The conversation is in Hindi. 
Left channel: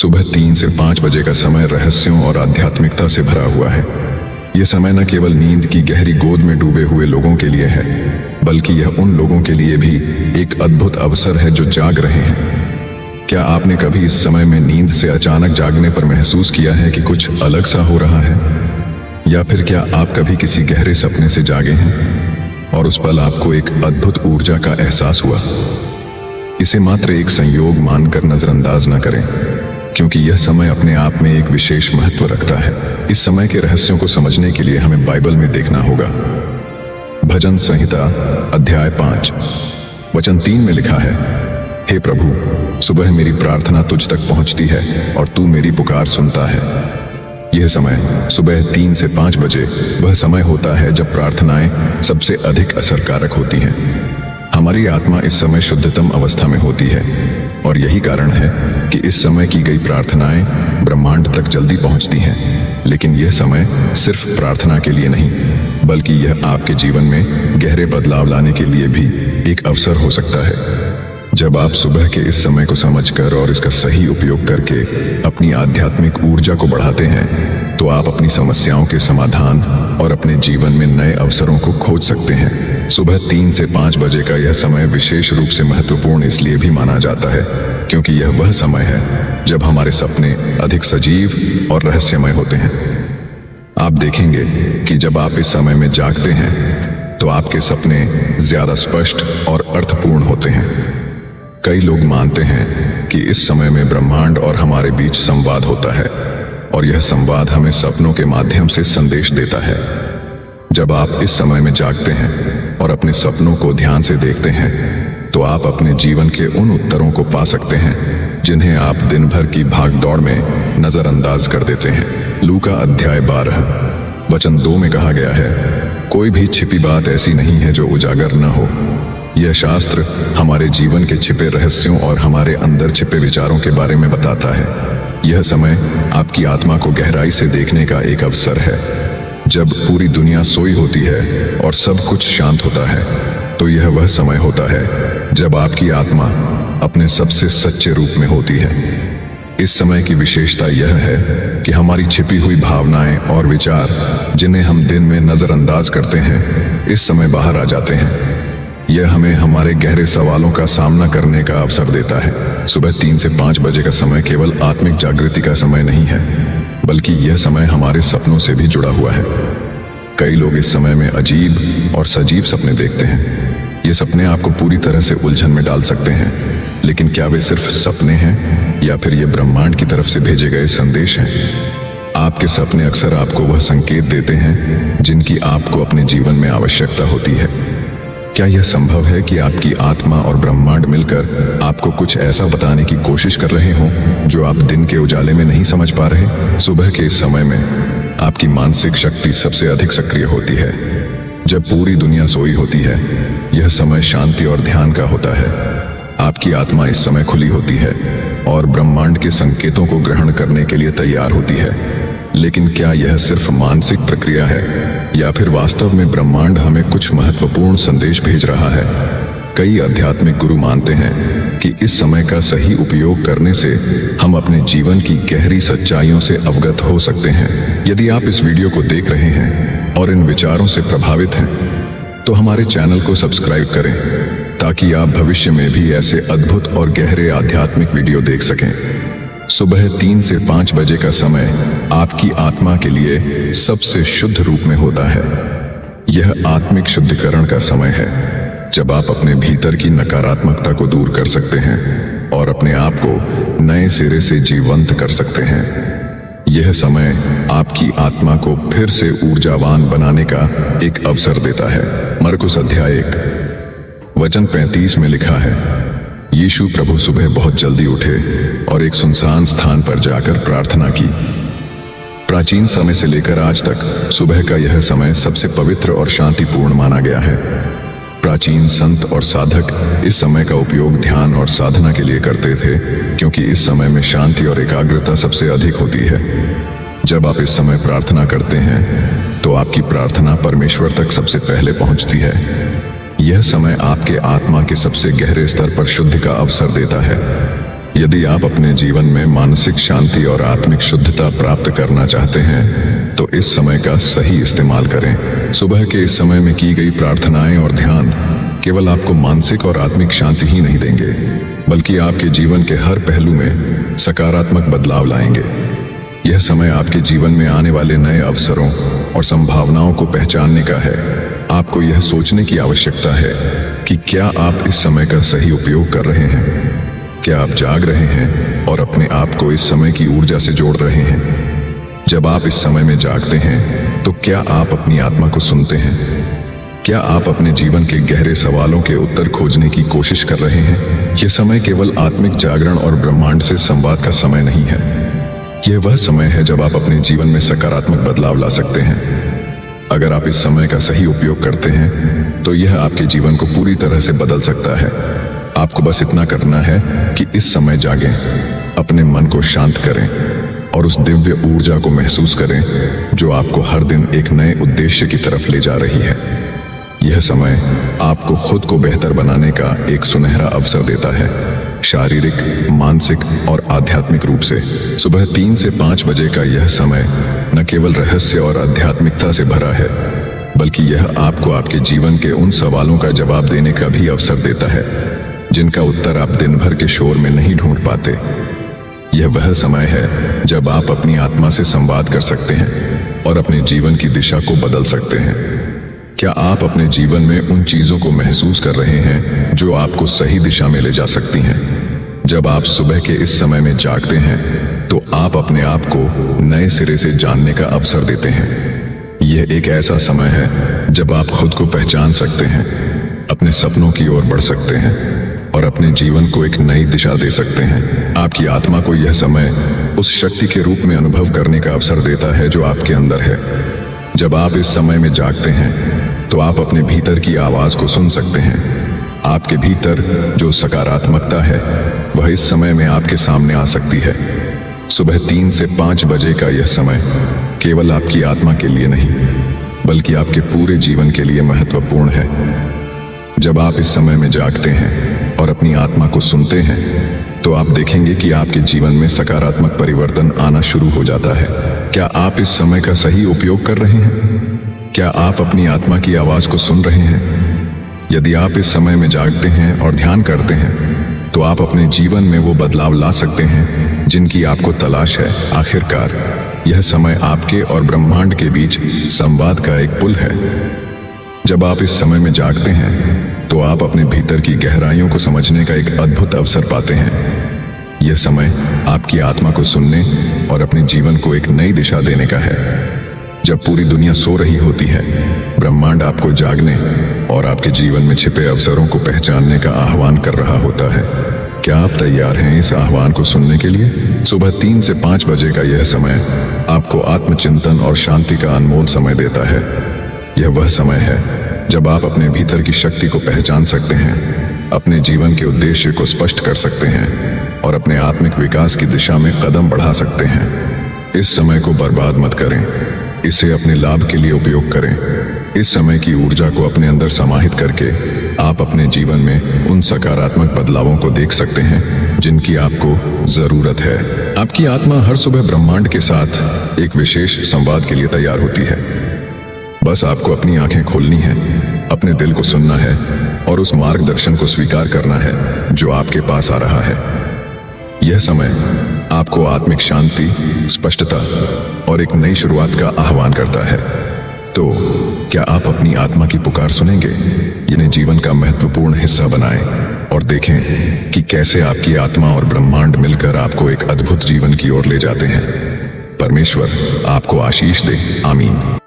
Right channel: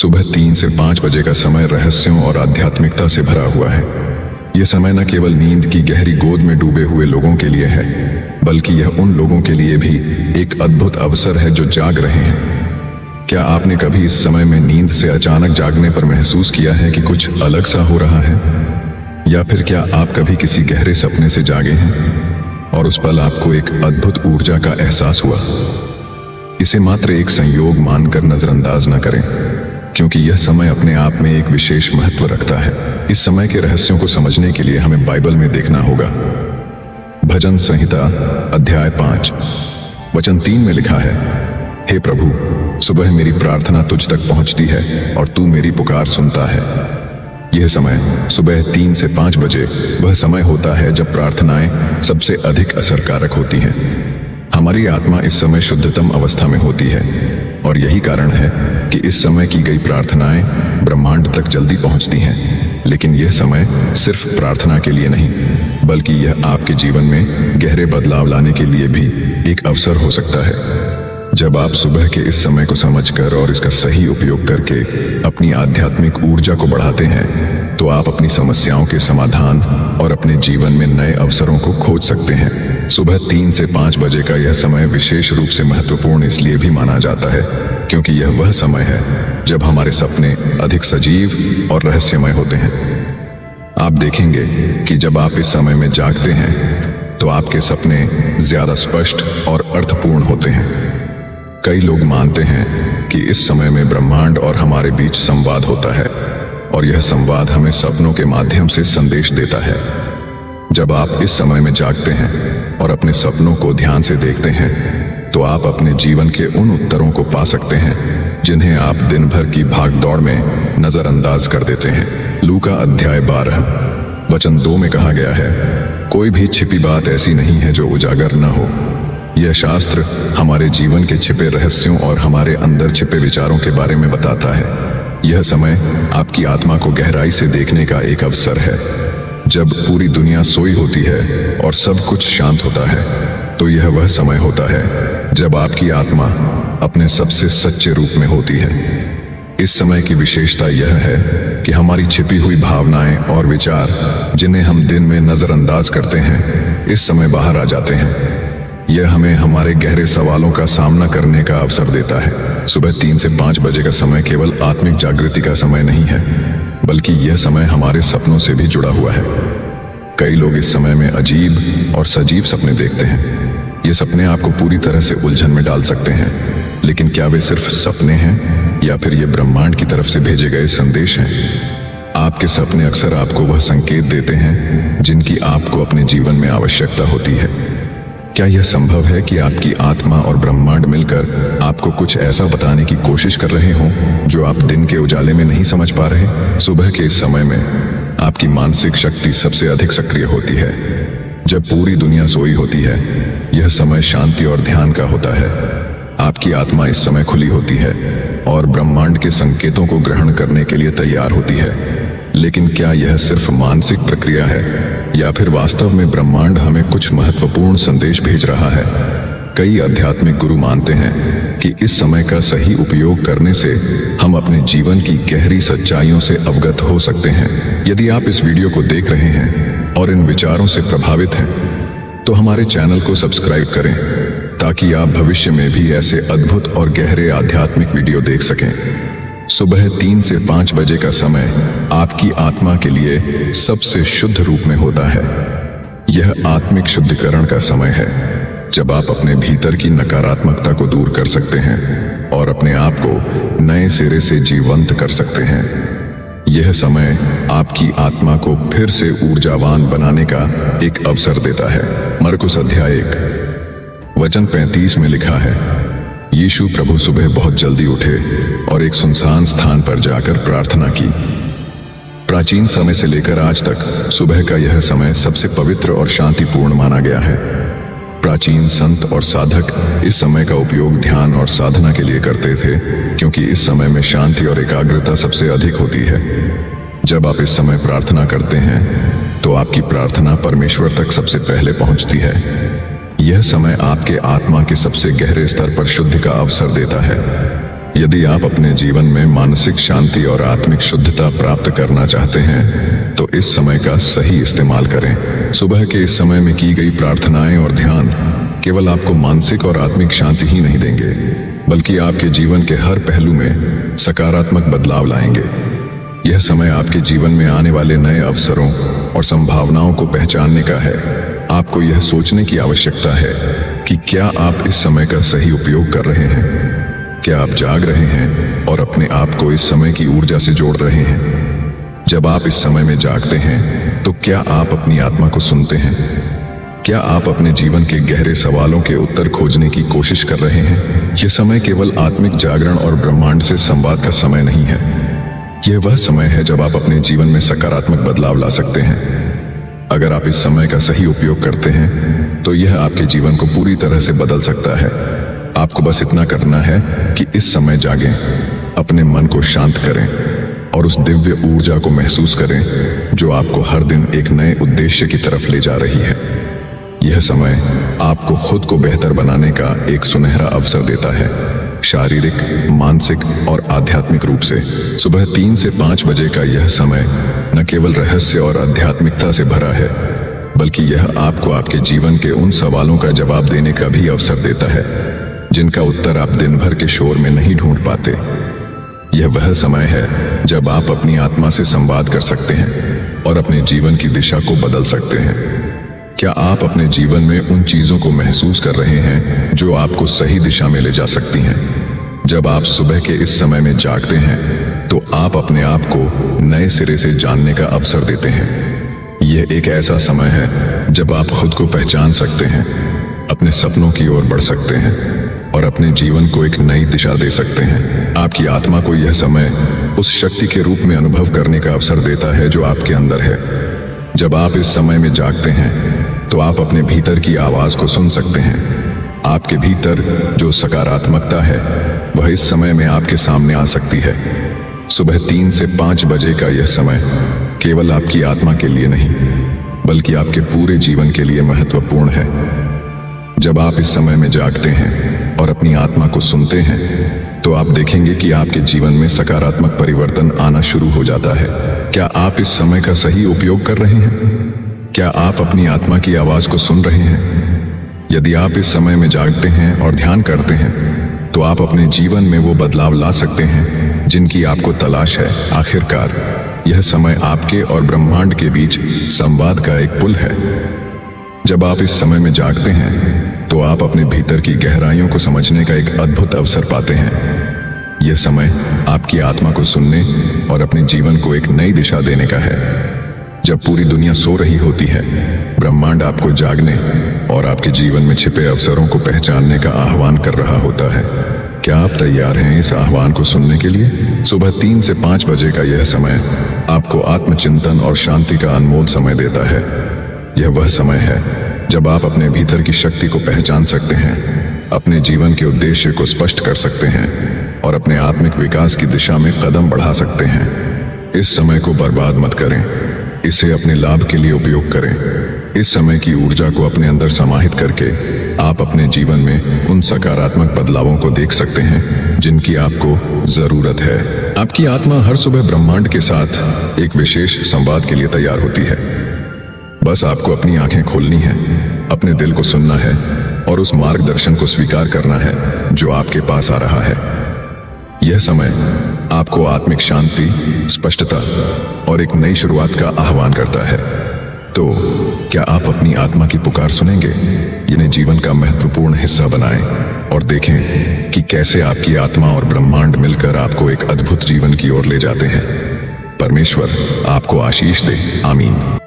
सुबह 3 से 5 बजे का समय रहस्यों और आध्यात्मिकता से भरा हुआ है। ये समय न केवल नींद की गहरी गोद में डूबे हुए लोगों के लिए है, बल्कि यह उन लोगों के लिए भी एक अद्भुत अवसर है जो जाग रहे हैं। क्या आपने कभी इस समय में नींद से अचानक जागने पर महसूस किया है कि कुछ अलग सा हो रहा है? या फिर क्या आप कभी किसी गहरे सपने से जागे हैं और उस पल आपको एक अद्भुत ऊर्जा का एहसास हुआ? इसे मात्र एक संयोग मानकर नजरअंदाज न करें, क्योंकि यह समय अपने आप में एक विशेष महत्व रखता है। इस समय के रहस्यों को समझने के लिए हमें बाइबल में देखना होगा। भजन संहिता अध्याय 5 वचन 3 में लिखा है, हे प्रभु, सुबह मेरी प्रार्थना तुझ तक पहुंचती है और तू मेरी पुकार सुनता है। यह समय सुबह 3 से 5 बजे वह समय होता है जब प्रार्थनाएं सबसे अधिक असरकारक होती हैं। हमारी आत्मा इस समय शुद्धतम अवस्था में होती है और यही कारण है कि इस समय की गई प्रार्थनाएं ब्रह्मांड तक जल्दी पहुंचती हैं। लेकिन यह समय सिर्फ प्रार्थना के लिए नहीं, बल्कि यह आपके जीवन में गहरे बदलाव लाने के लिए भी एक अवसर हो सकता है। जब आप सुबह के इस समय को समझकर और इसका सही उपयोग करके अपनी आध्यात्मिक ऊर्जा को बढ़ाते हैं, तो आप अपनी समस्याओं के समाधान और अपने जीवन में नए अवसरों को खोज सकते हैं। सुबह 3 से 5 बजे का यह समय विशेष रूप से महत्वपूर्ण इसलिए भी माना जाता है क्योंकि यह वह समय है जब हमारे सपने अधिक सजीव और रहस्यमय होते हैं। आप देखेंगे कि जब आप इस समय में जागते हैं तो आपके सपने ज्यादा स्पष्ट और अर्थपूर्ण होते हैं। कई लोग मानते हैं कि इस समय में ब्रह्मांड और हमारे बीच संवाद होता है और यह संवाद हमें सपनों के माध्यम से संदेश देता है। जब आप इस समय में जागते हैं और अपने सपनों को ध्यान से देखते हैं, तो आप अपने जीवन के उन उत्तरों को पा सकते हैं जिन्हें आप दिन भर की भागदौड़ में नजरअंदाज कर देते हैं। लूका अध्याय 12 वचन 2 में कहा गया है, कोई भी छिपी बात ऐसी नहीं है जो उजागर न हो। यह शास्त्र हमारे जीवन के छिपे रहस्यों और हमारे अंदर छिपे विचारों के बारे में बताता है। यह समय आपकी आत्मा को गहराई से देखने का एक अवसर है। जब पूरी दुनिया सोई होती है और सब कुछ शांत होता है, तो यह वह समय होता है जब आपकी आत्मा अपने सबसे सच्चे रूप में होती है। इस समय की विशेषता यह है कि हमारी छिपी हुई भावनाएं और विचार, जिन्हें हम दिन में नजरअंदाज करते हैं, इस समय बाहर आ जाते हैं। यह हमें हमारे गहरे सवालों का सामना करने का अवसर देता है। सुबह 3 से 5 बजे का समय केवल आत्मिक जागृति का समय नहीं है, बल्कि यह समय हमारे सपनों से भी जुड़ा हुआ है। कई लोग इस समय में अजीब और सजीव सपने देखते हैं। ये सपने आपको पूरी तरह से उलझन में डाल सकते हैं, लेकिन क्या वे सिर्फ सपने हैं या फिर ये ब्रह्मांड की तरफ से भेजे गए संदेश हैं? आपके सपने अक्सर आपको वह संकेत देते हैं जिनकी आपको अपने जीवन में आवश्यकता होती है। क्या यह संभव है कि आपकी आत्मा और ब्रह्मांड मिलकर आपको कुछ ऐसा बताने की कोशिश कर रहे हों जो आप दिन के उजाले में नहीं समझ पा रहे? सुबह के इस समय में आपकी मानसिक शक्ति सबसे अधिक सक्रिय होती है। जब पूरी दुनिया सोई होती है, यह समय शांति और ध्यान का होता है। आपकी आत्मा इस समय खुली होती है और ब्रह्मांड के संकेतों को ग्रहण करने के लिए तैयार होती है। लेकिन क्या यह सिर्फ मानसिक प्रक्रिया है या फिर वास्तव में ब्रह्मांड हमें कुछ महत्वपूर्ण संदेश भेज रहा है? कई आध्यात्मिक गुरु मानते हैं कि इस समय का सही उपयोग करने से हम अपने जीवन की गहरी सच्चाइयों से अवगत हो सकते हैं। यदि आप इस वीडियो को देख रहे हैं और इन विचारों से प्रभावित हैं, तो हमारे चैनल को सब्सक्राइब करें ताकि आप भविष्य में भी ऐसे अद्भुत और गहरे आध्यात्मिक वीडियो देख सकें। सुबह 3 से 5 बजे का समय आपकी आत्मा के लिए सबसे शुद्ध रूप में होता है। यह आत्मिक शुद्धिकरण का समय है जब आप अपने भीतर की नकारात्मकता को दूर कर सकते हैं और अपने आप को नए सिरे से जीवंत कर सकते हैं। यह समय आपकी आत्मा को फिर से ऊर्जावान बनाने का एक अवसर देता है। मरकुस अध्याय 1 वचन 35 में लिखा है, यीशु प्रभु सुबह बहुत जल्दी उठे और एक सुनसान स्थान पर जाकर प्रार्थना की। प्राचीन समय से लेकर आज तक सुबह का यह समय सबसे पवित्र और शांतिपूर्ण माना गया है। प्राचीन संत और साधक इस समय का उपयोग ध्यान और साधना के लिए करते थे, क्योंकि इस समय में शांति और एकाग्रता सबसे अधिक होती है। जब आप इस समय प्रार्थना करते हैं, तो आपकी प्रार्थना परमेश्वर तक सबसे पहले पहुंचती है। यह समय आपके आत्मा के सबसे गहरे स्तर पर शुद्धि का अवसर देता है। यदि आप अपने जीवन में मानसिक शांति और आत्मिक शुद्धता प्राप्त करना चाहते हैं तो इस समय का सही इस्तेमाल करें। सुबह के इस समय में की गई प्रार्थनाएं और ध्यान केवल आपको मानसिक और आत्मिक शांति ही नहीं देंगे, बल्कि आपके जीवन के हर पहलू में सकारात्मक बदलाव लाएंगे। यह समय आपके जीवन में आने वाले नए अवसरों और संभावनाओं को पहचानने का है। आपको यह सोचने की आवश्यकता है कि क्या आप इस समय का सही उपयोग कर रहे हैं। क्या आप जाग रहे हैं और अपने आप को इस समय की ऊर्जा से जोड़ रहे हैं। जब आप इस समय में जागते हैं तो क्या आप अपनी आत्मा को सुनते हैं। क्या आप अपने जीवन के गहरे सवालों के उत्तर खोजने की कोशिश कर रहे हैं। यह समय केवल आत्मिक जागरण और ब्रह्मांड से संवाद का समय नहीं है। यह वह समय है जब आप अपने जीवन में सकारात्मक बदलाव ला सकते हैं। अगर आप इस समय का सही उपयोग करते हैं तो यह आपके जीवन को पूरी तरह से बदल सकता है। आपको बस इतना करना है कि इस समय जागें, अपने मन को शांत करें और उस दिव्य ऊर्जा को महसूस करें जो आपको हर दिन एक नए उद्देश्य की तरफ ले जा रही है। यह समय आपको खुद को बेहतर बनाने का एक सुनहरा अवसर देता है। शारीरिक, मानसिक और आध्यात्मिक रूप से सुबह 3 से 5 बजे का यह समय न केवल रहस्य और आध्यात्मिकता से भरा है, बल्कि यह आपको आपके जीवन के उन सवालों का जवाब देने का भी अवसर देता है जिनका उत्तर आप दिन भर के शोर में नहीं ढूंढ पाते। यह वह समय है जब आप अपनी आत्मा से संवाद कर सकते हैं और अपने जीवन की दिशा को बदल सकते हैं। क्या आप अपने जीवन में उन चीजों को महसूस कर रहे हैं जो आपको सही दिशा में ले जा सकती हैं। जब आप सुबह के इस समय में जागते हैं तो आप अपने आप को नए सिरे से जानने का अवसर देते हैं। यह एक ऐसा समय है जब आप खुद को पहचान सकते हैं, अपने सपनों की ओर बढ़ सकते हैं और अपने जीवन को एक नई दिशा दे सकते हैं। आपकी आत्मा को यह समय उस शक्ति के रूप में अनुभव करने का अवसर देता है जो आपके अंदर है। जब आप इस समय में जागते हैं तो आप अपने भीतर की आवाज को सुन सकते हैं। आपके भीतर जो सकारात्मकता है वह इस समय में आपके सामने आ सकती है। सुबह 3 से 5 बजे का यह समय केवल आपकी आत्मा के लिए नहीं, बल्कि आपके पूरे जीवन के लिए महत्वपूर्ण है। जब आप इस समय में जागते हैं और अपनी आत्मा को सुनते हैं तो आप देखेंगे कि आपके जीवन में सकारात्मक परिवर्तन आना शुरू हो जाता है। क्या आप इस समय का सही उपयोग कर रहे हैं। क्या आप अपनी आत्मा की आवाज को सुन रहे हैं। यदि आप इस समय में जागते हैं और ध्यान करते हैं तो आप अपने जीवन में वो बदलाव ला सकते हैं जिनकी आपको तलाश है। आखिरकार यह समय आपके और ब्रह्मांड के बीच संवाद का एक पुल है। जब आप इस समय में जागते हैं तो आप अपने भीतर की गहराइयों को समझने का एक अद्भुत अवसर पाते हैं। यह समय आपकी आत्मा को सुनने और अपने जीवन को एक नई दिशा देने का है। जब पूरी दुनिया सो रही होती है, ब्रह्मांड आपको जागने और आपके जीवन में छिपे अवसरों को पहचानने का आह्वान कर रहा होता है। क्या आप तैयार हैं इस आह्वान को सुनने के लिए। सुबह 3 से 5 बजे का यह समय आपको आत्मचिंतन और शांति का अनमोल समय देता है। यह वह समय है जब आप अपने भीतर की शक्ति को पहचान सकते हैं, अपने जीवन के उद्देश्य को स्पष्ट कर सकते हैं और अपने आत्मिक विकास की दिशा में कदम बढ़ा सकते हैं। इस समय को बर्बाद मत करें, इसे अपने लाभ के लिए उपयोग करें। इस समय की ऊर्जा को अपने अंदर समाहित करके आप अपने जीवन में उन सकारात्मक बदलावों को देख सकते हैं जिनकी आपको जरूरत है। आपकी आत्मा हर सुबह ब्रह्मांड के साथ एक विशेष संवाद के लिए तैयार होती है। बस आपको अपनी आंखें खोलनी है, अपने दिल को सुनना है और उस मार्गदर्शन को स्वीकार करना है जो आपके पास आ रहा है। यह समय आपको आत्मिक शांति, स्पष्टता और एक नई शुरुआत का आह्वान करता है। तो क्या आप अपनी आत्मा की पुकार सुनेंगे। इन्हें जीवन का महत्वपूर्ण हिस्सा बनाएं और देखें कि कैसे आपकी आत्मा और ब्रह्मांड मिलकर आपको एक अद्भुत जीवन की ओर ले जाते हैं। परमेश्वर आपको आशीष दे। आमीन।